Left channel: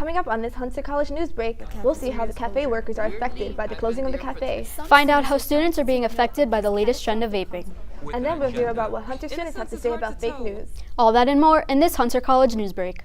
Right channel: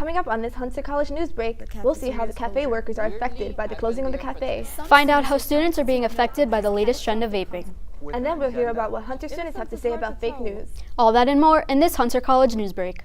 Coming up on this Hunter College Newsbreak, we'll see how the cafe workers are affected by the closing of the cafe. Find out how students are being affected by the latest trend of vaping. And then we'll hear about what Hunter students have to say about fake news. All that and more in this Hunter College Newsbreak.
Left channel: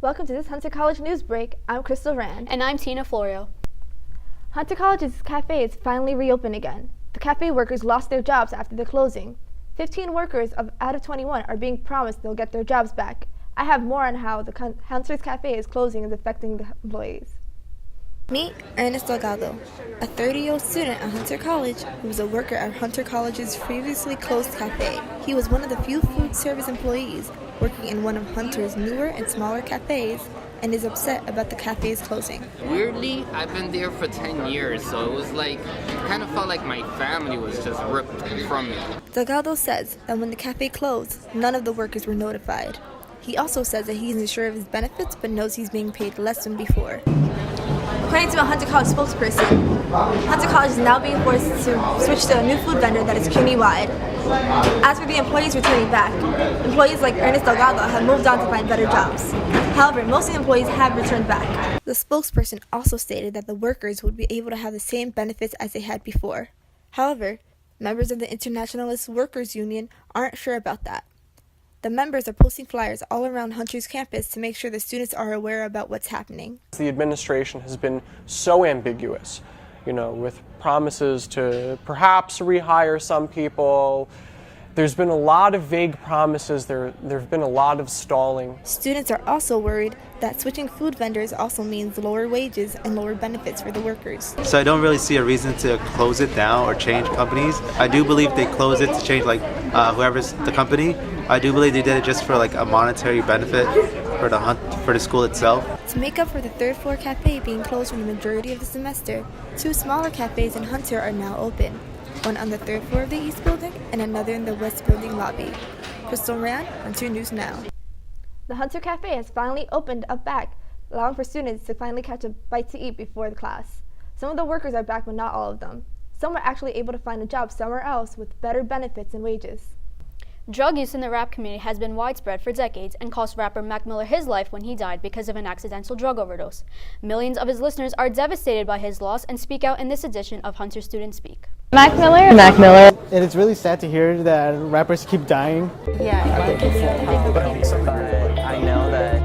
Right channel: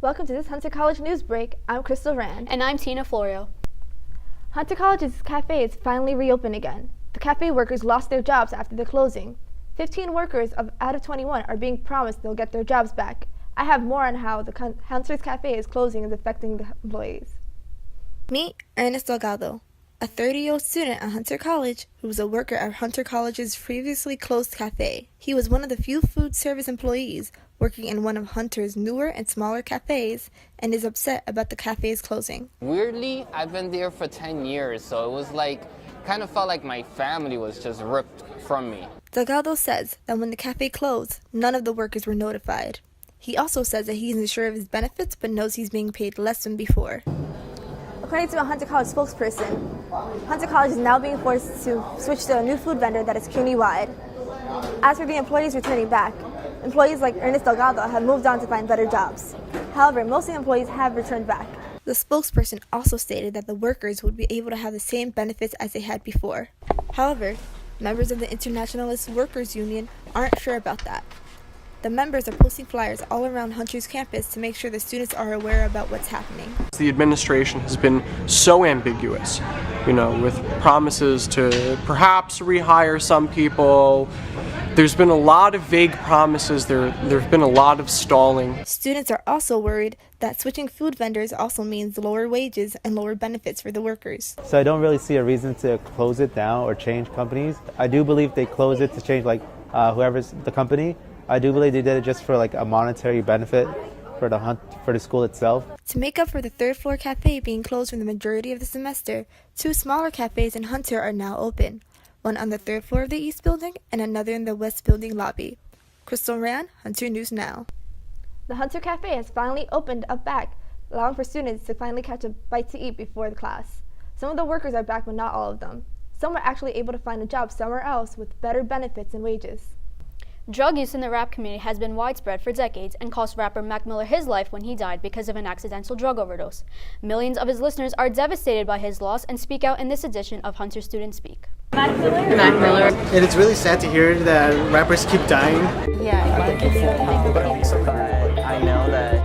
Welcome to this Hunter College Newsbreak. I'm Crystal Rand. And I'm Tina Florio. Hunter College's cafe is finally reopened again. The cafe workers lost their jobs after the closing. 15 workers out of 21 are being promised they'll get their jobs back. I have more on how the Hunter's cafe is closing is affecting the employees. Meet Ernest Delgado, a 30-year-old student at Hunter College who was a worker at Hunter College's previously closed cafe. He was one of the few food service employees working in one of Hunter's newer and smaller cafes, and is upset about the cafe's closing. Weirdly, I've been there for 10 years, so it was like, it kind of felt like my family was just ripped from me. Delgado says that when the cafe closed, none of the workers were notified. He also says that he isn't sure of his benefits, but knows he's being paid less than before. According to a Hunter College spokesperson, Hunter College is now being forced to switch to a new food vendor that is community-wide. As for the employees returning back, employees like Ernest Delgado have moved on to find better jobs. However, most of the employees have returned back. The spokesperson also stated that the workers would be able to have the same benefits as they had before. However, members of the Internationalist Workers Union aren't sure about that. The members are posting flyers all around Hunter's campus to make sure the students are aware about what's happening. The administration has been so ambiguous, with promises to perhaps rehire some people. There's been a lot of vague promises. There've been a lot of stalling. Students are also worried that switching food vendors also means lower wages and lower benefits for the workers. So I don't really see a reason to close it down or change companies. I do believe they closed it to change whoever's the company. I do believe they did it just for a monetary benefit for the school itself. To make up for the third floor cafe being closed for the majority of the semester, two smaller cafes in Hunter are now open. One on the third floor of the East Building and another in the West Building lobby. Crystal Rand, Hunter News Now. The Hunter Cafe has finally opened up back, allowing for students to finally catch a bite to eat before the class. Some of the workers are back, but not all of them. Some were actually able to find a job somewhere else with better benefits and wages. Drug use in the rap community has been widespread for decades and cost rapper Mac Miller his life when he died because of an accidental drug overdose. Millions of his listeners are devastated by his loss and speak out in this edition of Hunter Students Speak. Mac Miller. And it's really sad to hear that rappers keep dying. Yeah, But I know that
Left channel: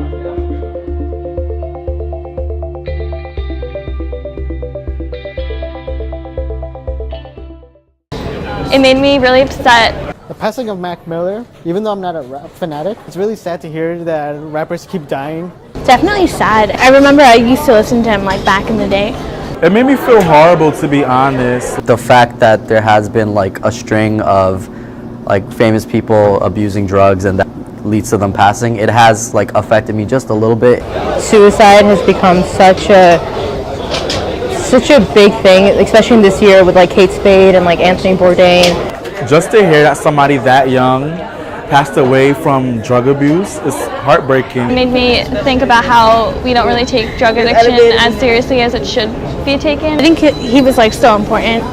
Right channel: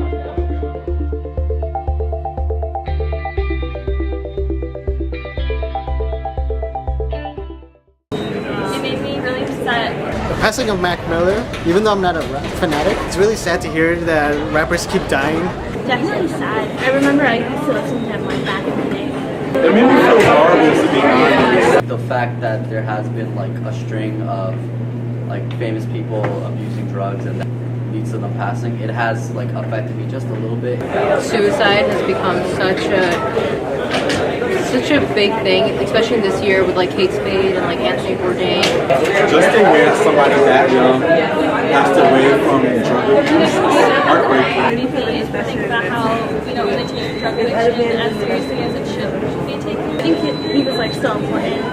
it made me really upset. The passing of Mac Miller, even though I'm not a rap fanatic, it's really sad to hear that rappers keep dying. Definitely sad. I remember I used to listen to him back in the day. It made me feel horrible, to be honest. the fact that there has been a string of famous people abusing drugs and that leads to them passing, it has affected me just a little bit. Suicide has become such a big thing, especially in this year with Kate Spade and Anthony Bourdain. Just to hear that somebody that young passed away from drug abuse is heartbreaking. It made me think about how we don't really take drug addiction as seriously as it should be taken. I think he was so important,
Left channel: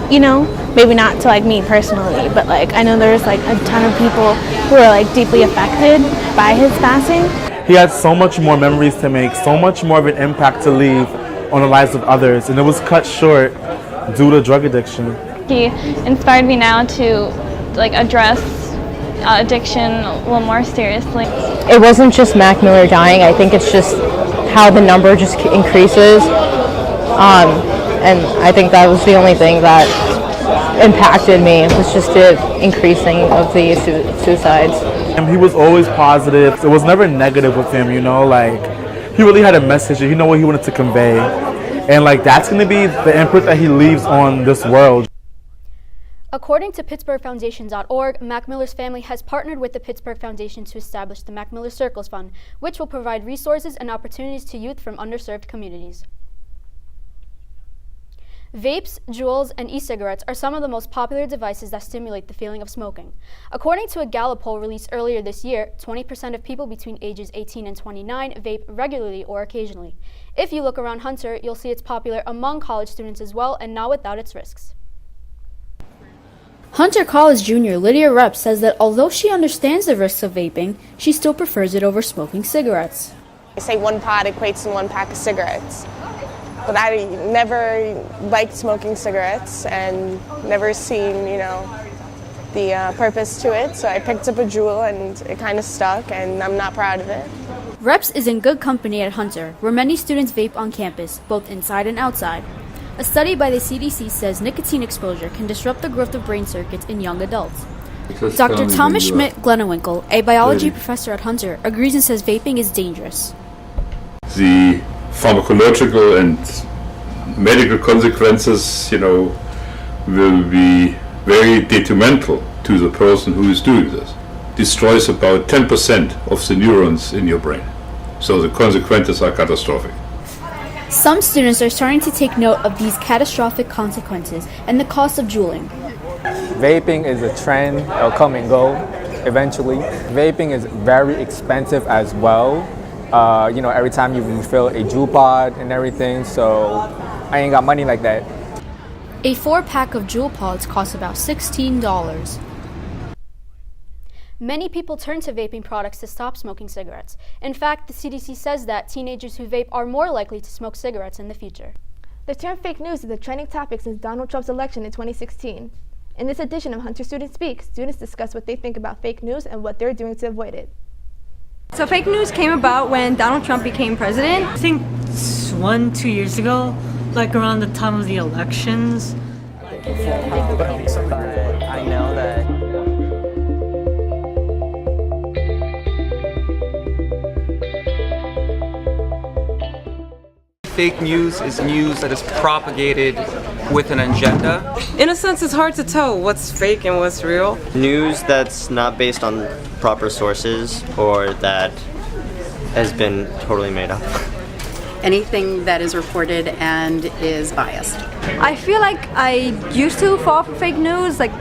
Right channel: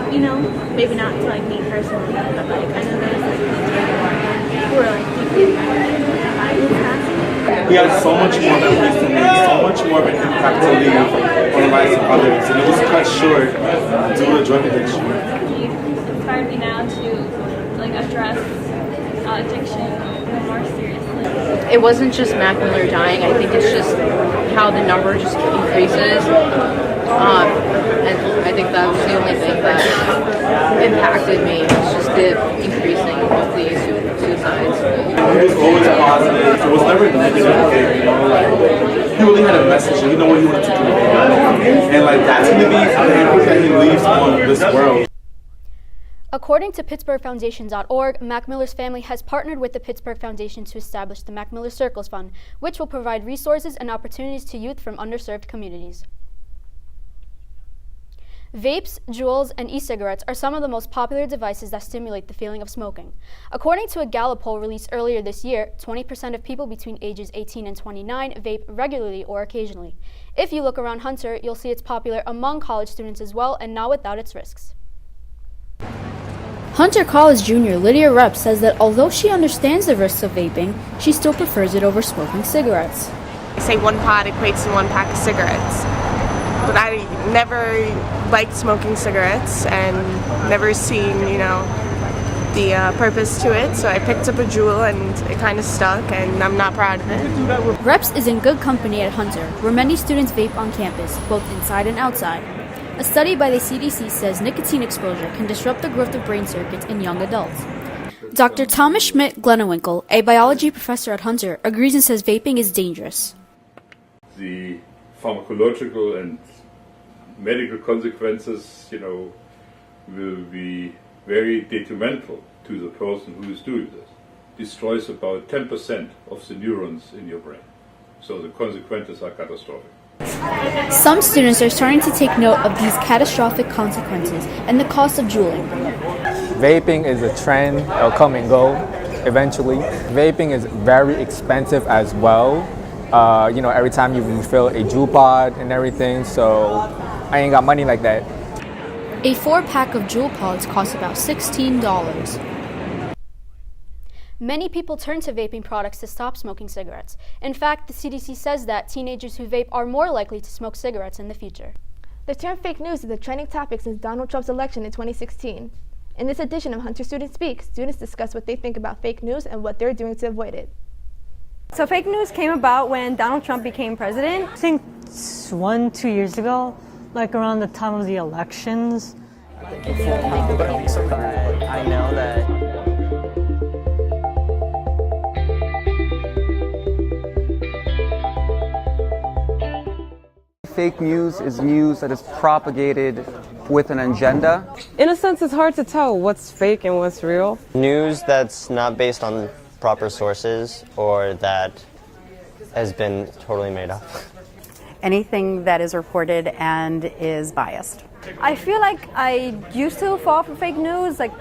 maybe not to me personally, but I know there's a ton of people who are deeply affected by his passing. He had so much more memories to make, so much more of an impact to leave on the lives of others, and it was cut short due to drug addiction. He inspired me now to address addiction a little more seriously. It wasn't just Mac Miller dying. I think it's just how the number just increases. And I think that was the only thing that impacted me. It was just the increasing of the suicides. And he was always positive. It was never negative with him, he really had a message and what he wanted to convey. And that's going to be the input that he leaves on this world. According to PittsburghFoundation.org, Mac Miller's family has partnered with the Pittsburgh Foundation to establish the Mac Miller Circles Fund, which will provide resources and opportunities to youth from underserved communities. Vapes, Juuls, and e-cigarettes are some of the most popular devices that stimulate the feeling of smoking. According to a Gallup poll released earlier this year, 20% of people between ages 18 and 29 vape regularly or occasionally. If you look around Hunter, you'll see it's popular among college students as well, and not without its risks. Hunter College junior Lydia Rep says that although she understands the risks of vaping, she still prefers it over smoking cigarettes. I say one pod equates to one pack of cigarettes, but I never liked smoking cigarettes and never seen, the purpose to it. So I picked up a Juul and it kind of stuck, and I'm not proud of it. Reps is in good company at Hunter, where many students vape on campus, both inside and outside. A study by the CDC says nicotine exposure can disrupt the growth of brain circuits in young adults. Dr. Thomas Schmidt-Glennewinkle, a biology professor at Hunter, agrees and says vaping is dangerous. The pharmacological and medical consequences, will be very detrimental to the person who is doing this. Destroys about 10% of the neurons in your brain. So the consequences are catastrophic. Some students are starting to take note of these catastrophic consequences and the cost of juuling. Vaping is a trend, it'll come and go eventually. Vaping is very expensive as well. Every time you refill a Juul pod and everything, so I ain't got money like that. A 4-pack of Juul pods costs about $16. Many people turn to vaping products to stop smoking cigarettes. In fact, the CDC says that teenagers who vape are more likely to smoke cigarettes in the future. The term fake news is a trending topic since Donald Trump's election in 2016. In this edition of Hunter Student Speak, students discuss what they think about fake news and what they're doing to avoid it. So fake news came about when Donald Trump became president. I think 2 years ago, like around the time of the elections. But I know that fake news is news that is propagated with an agenda. In a sense, it's hard to tell what's fake and what's real. News that's not based on proper sources or that has been totally made up. Anything that is reported and is biased. I feel like I used to fall for fake news, like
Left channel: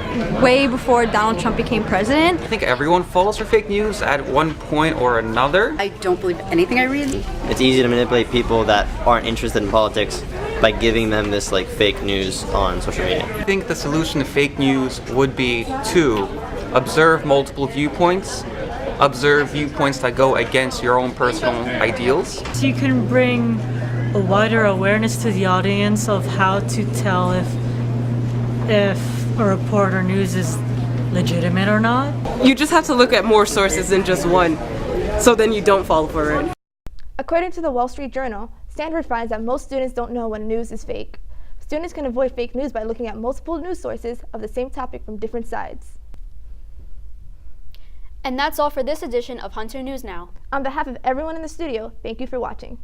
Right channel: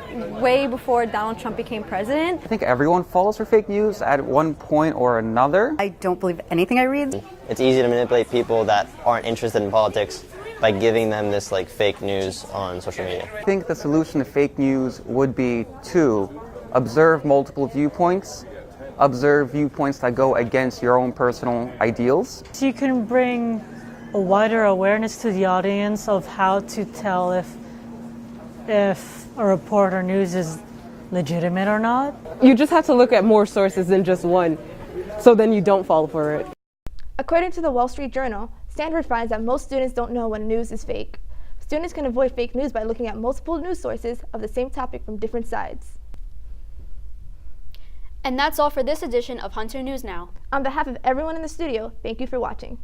way before Donald Trump became president. I think everyone falls for fake news at one point or another. I don't believe anything I read. It's easy to manipulate people that aren't interested in politics by giving them this fake news on social media. I think the solution to fake news would be to observe multiple viewpoints, observe viewpoints that go against your own personal ideals. So you can bring a wider awareness to the audience of how to tell if a report or news is legitimate or not. You just have to look at more sources than just one, so then you don't fall for it. According to the Wall Street Journal, Stanford finds that most students don't know when news is fake. Students can avoid fake news by looking at multiple news sources of the same topic from different sides. And that's all for this edition of Hunter News Now. On behalf of everyone in the studio, thank you for watching.